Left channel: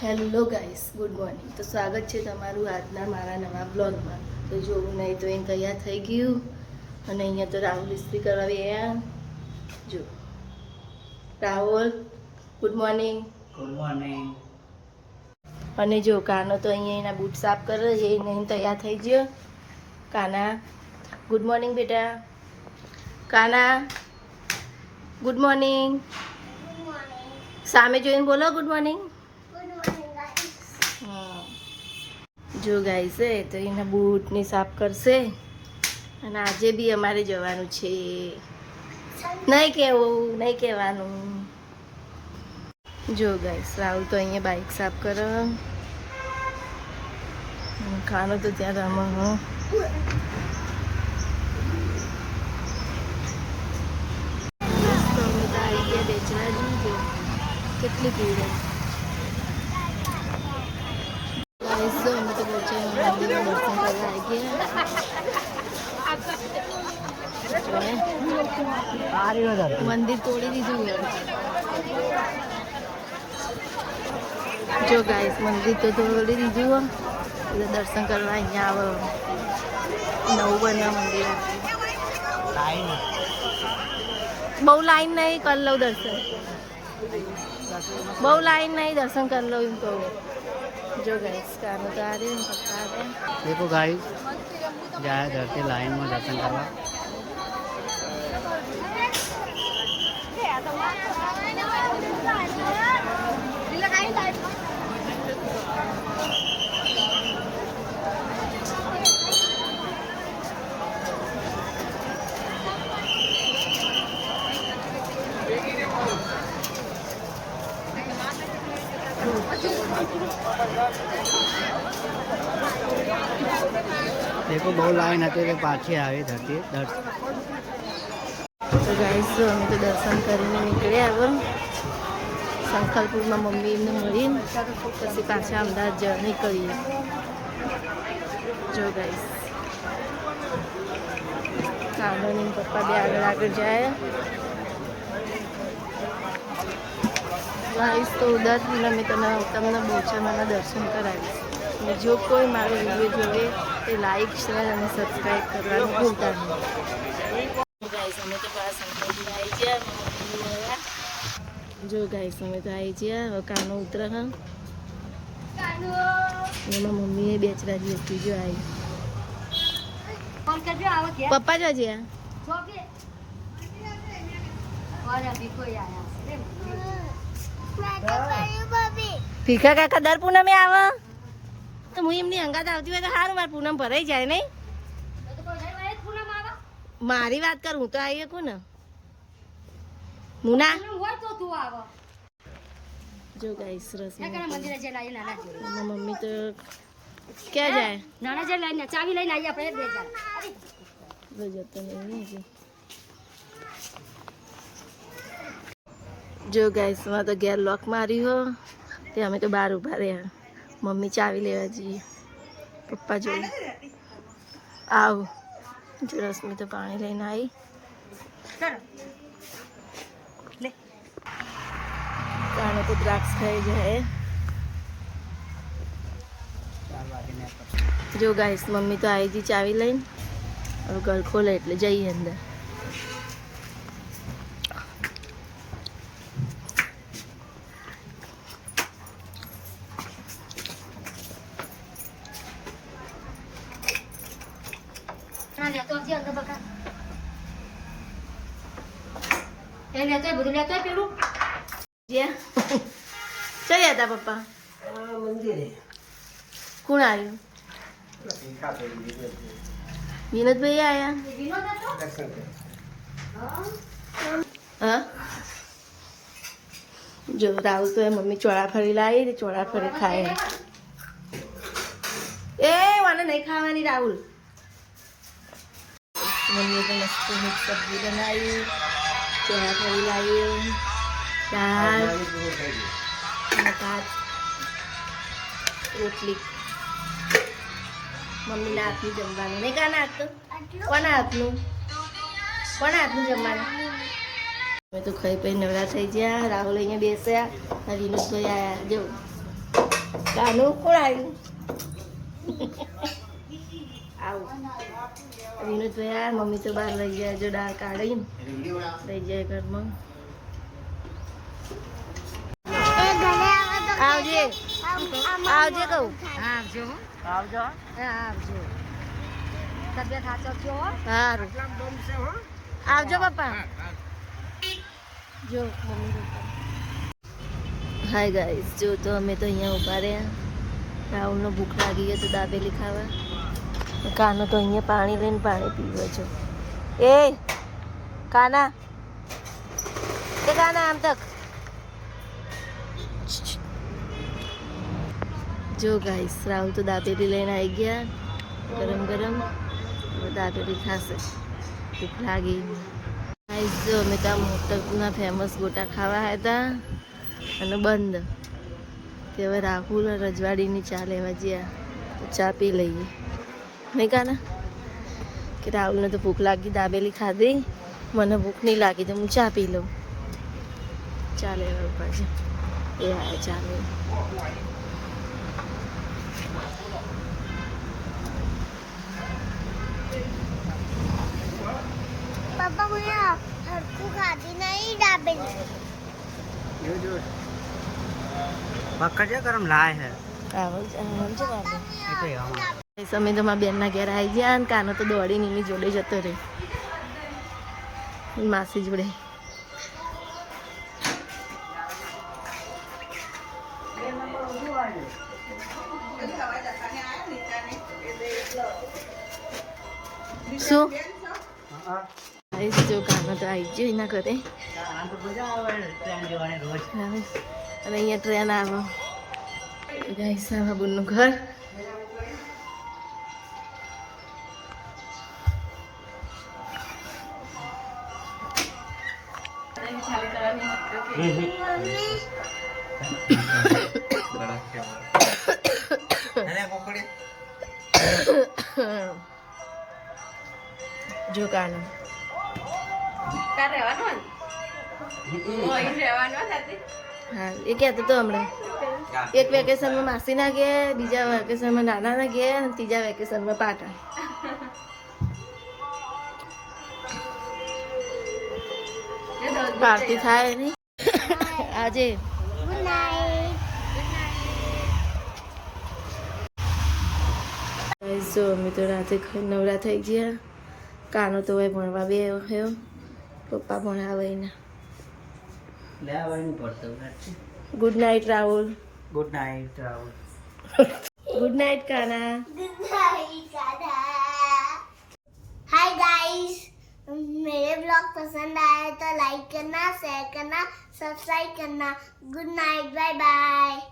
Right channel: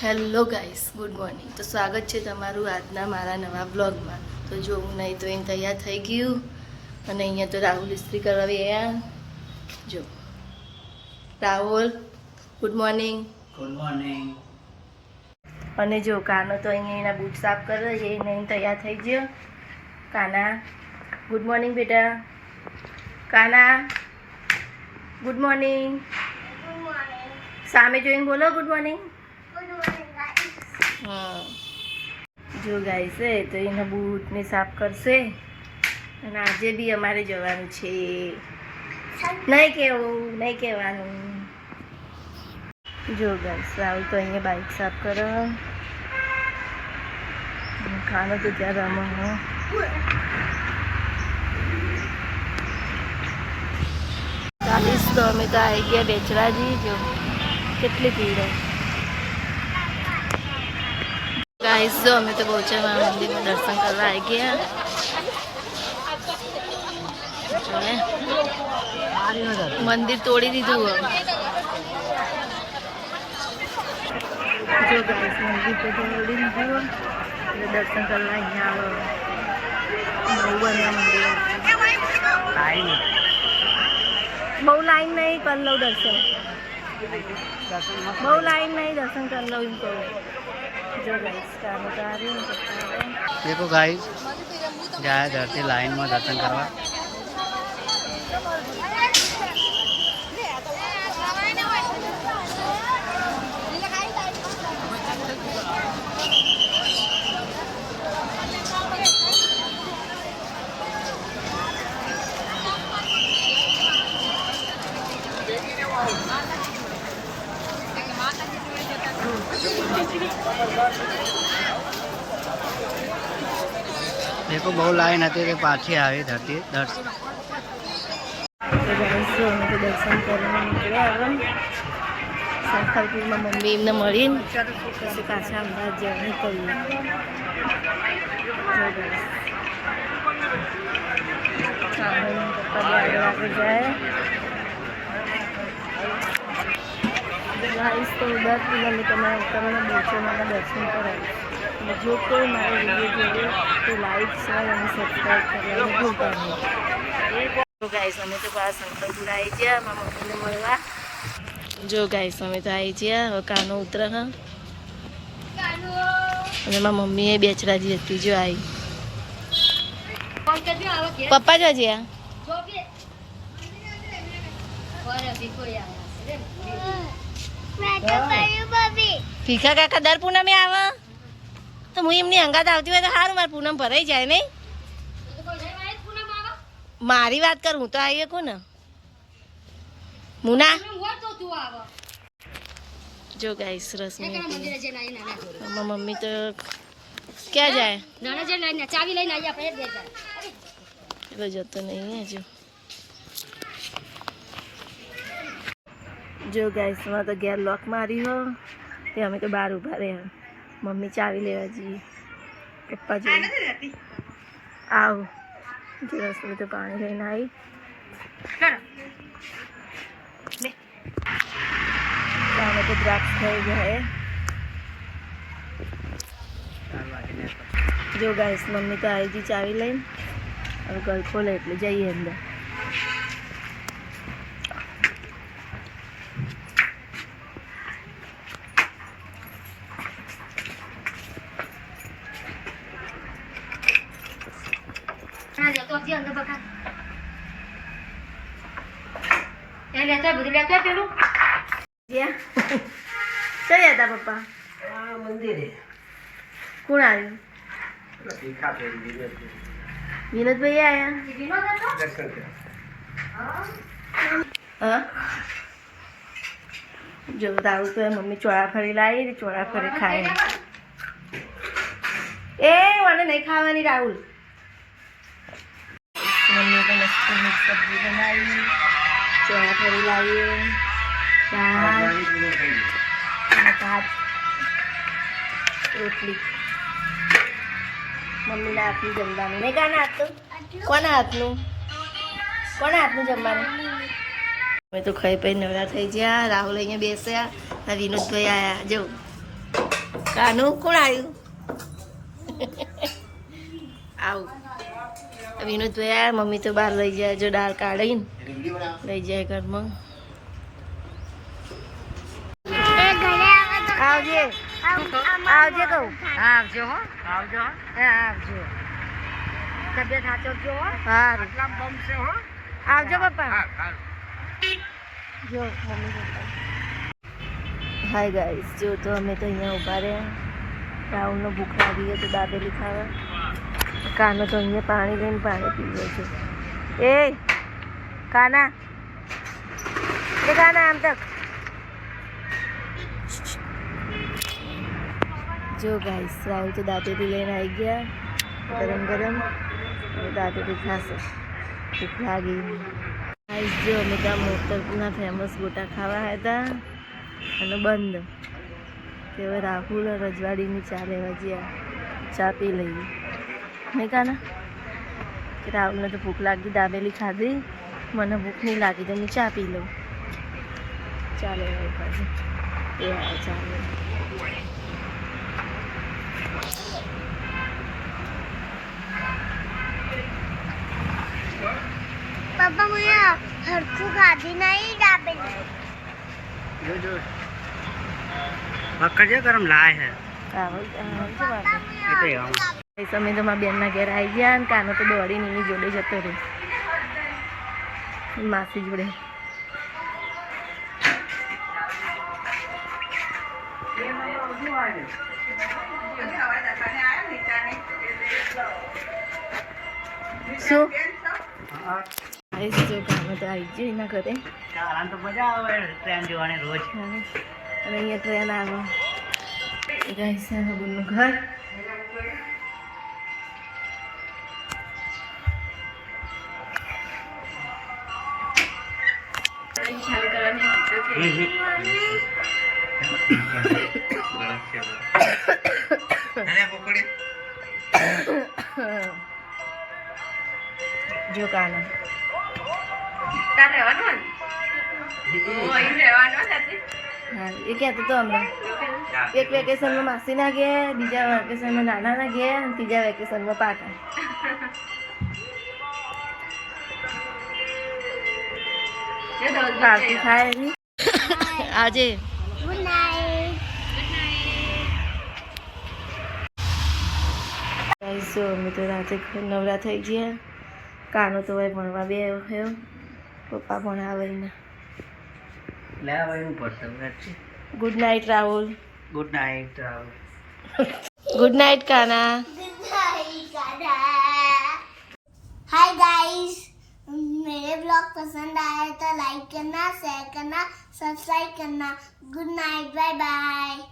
Hello guys, good morning. તો સ્વાગત છે તમારું આજના મારા નવા બ્લોગમાં. તો જોવું નહીં તો એને તૈયાર થઈ ગયું અને અહીંયા તો રાહુલ ઇસ્ત્રી કરાવી જો Rahul good morning. Good morning. અને જો કાનો તો અહીંયા એના બૂટ સાફ કરે છે, એને તૈયાર થઈ ગયો. કાના ગુડ મોર્નિંગ બેટા. કાના ગુડ મોર્નિંગ. સામે જોઈને બોલો ગુડ મોર્નિંગ. હા જો ગાઈસ તો એના બૂટને સાફ કરશે અને આજે બી અમારે જવાનું છે. નહીં કહેવાનું. જો ગાઈસ રાહુલ તો અહીંયા બાઇક સાફ કરે અને ખાનો તો ત્યાં રમો. તો અમે તો આવી ગયા બેચરાજી. જો કેટલી ભીડ હોય ગાઈસ. જો અમે તો બહુચરમાં મંદિરમાં દર્શન કરવા આવી ગયા. મંદિર તોડી દીધું. જો ગાઈસ મંદિર તો તોડી દીધું એટલે દર્શન કરવા અહીંયા આવે. નવું બન્યા મંદિર. બહુ લાઈન નહીં, કરી લઉં દર્શન. બહુ લાઈન નહીં, દર્શન કરી લઉં એમ કહું. जो गाइस काम बता रहे हैं बता रहे हैं. देखो गाइस जाए धरती लाइन में दर्शन करवा. देखो बहु लाइन હતી તે પાછી આવી ધરતી દર્શન. તો ગાઈસ જો અમે તો દર્શન કરીને નીકળ્યા. હવે સંખલપુરમાં મમ્મી એમને મળીને પછી પાછા અમદાવાદ જવા નીકળીએ. જો ગાઈસ સાંભળીને પપ્પા બે આગળ જાય. ગાઈસ તો ઉદાસથી અમે તમને બહુચરમાના દર્શન કરાવીશ. અને જો કોઈ મારો વિડીયો જોવે તો લાઈક શેર અને સબસ્ક્રાઈબ કરવાનું ભૂલતા નહીં. જો ગાઈસ અમે તો પાછા સંકલ્પપુર આવી ગયા મારા મમ્મીને મળવા. જો ગાઈસ અમે તો આવી ગયા. હવે કાનો ઉતરે હા અને મારા મમ્મીએ બેચરાજી હતી. જો આવી પપ્પા જો જ્યાં ભીખા કાકા દર પૂનમે આવે તો હું એમની અંગાત આવતી હોય તો સારું. મારે પૂનમ ભરાઈ જાય નહીં. મારી વાત કર, હું તો આવી શકું ને મુના. જો ગાઈસ રસમી મમ્મી તો ક્યાં જાય એટલે જતો નહીં. જો ગાઈસ માં તો ઘેર લોક મારી હો તે અમે તો બહાર ઊભા રહ્યા. મમ્મી ચાવી લેવા જઈએ. પપ્પા જોઈ આવ. જો રસમી તો પાણી લઈને આવી. અમે તો દ્રાક્ષ ખાઈ ગયા. જો ગાઈસ મમ્મી તો આવી ગઈ ચાવી લઈને. હવે ઘર ખોલે એટલે જઈએ અંદર. ચલ્યા પપ્પા મંદિરે. કોણ આવ્યું? વિનોદભાઈ આયા. હા જો રાહુલ તો મમ્મી ચોળાફળી લાવી. ચોળાફળી ખાય. એ મને નહીં ખાવાની રાહુલ. મમ્મીએ તો મસ્ત મિક્સ સબ્જી બનાવી. ચોળાફળી લાવીએ. દાળ અને ભાત રોટલી. મમ્મીના હાથનું જમવાનું નહીં. કાના હાથનું? કોના હાથનું? કોના હાથનું જમવાનું? અમે તો ખાઈ પી નવરા થઈ ગયા. રાહુલ અહીંયા બેસ્યા. વિનોદભાઈ આવ્યા. જો કાનું કોણ આવ્યું? આવું વિનોદભાઈ આ મમ્મી તો બહાર લઈ જાય, જો દાળ કાઢીને લઈ જાય ઘરમાં. આવજે આવજે કહું. આવજો હો, આવજો આવજો. તબિયત સાચવજો હો. સારું આટલા બમ છે હો. આવજો પપ્પા. જો મમ્મી પપ્પા. હાય ગાઈસ, જો તો અમે તો અહીંયા ઊભા રહ્યા. રાહુલનો ભૂખ લાગી ગયો તો દાબેલી ખાવા. કાનો તો અહીંયા પાણી લઈને પાણી પીવે છે. એ કાના, એ કાના આમ તક. જો ગાઈસ, રાહુલ તો દાબેલી લઈને આવી ગયા ગરમ ગરમ. હવે દાબેલી ખાશે, ભૂખ લાગી. ગાઈસ જો અમે ત્યાં મોટરના ફેમસ ગોટા ખાવા હતા અને બંધ. તે હવે રાહુલ રજવાડીની ચા લેવા ગયા, ચા પી લઈએ. નહીં કાના કે રાહુલને તો ભૂખ લાગી, દાબેલી ખાધી, મને ભૂખ નહીં લાગી તો હું ચા પી લઉં. ચા લેવા ઉપર છે એ આવ્યા ચા લેવા. पापा मुझे हरकू खाती नहीं दाबेली જો જો પકડજો ગરમ લાય હે આવજો બાબુ. એ તો એવામાં એ સમય તો મારા બેનના ઘેર આવી ગયા ને કાનો તો દોડીને એની જોડે જતો રહ્યો, માસી જોડે. શું આવીશ જો કાનો તો આવી ગયો એના ઘરે. આરામ તો મજા આવે ટ્રેન જોવાની રોજ. અને અહીંયા ટ્રેન આવે. ગાઈસ આ બાબુનું ઘર. જો કાનો હા એ કહેતો તો હમણાં એક વેકેશનમાં માસી ના ગયા, બીજા વેકેશનમાં નાના ના ગયા અને ત્રીજા વેકેશનમાં પાટા. આરતી થાય નહીં આજે. જો અમે તો રાતે નવરા થઈ ગયા. કાનો તો હવે ભણવા બે થયો, પપ્પા ભણાવે એના. લેવાનું પડશે. Good night Rahul. Good night Rahul. Good night Kana. Hi guys, मेरे ब्लॉग पसंद आए तो लाइक करना, शेयर करना, सब्सक्राइब करना. Good night, bye bye.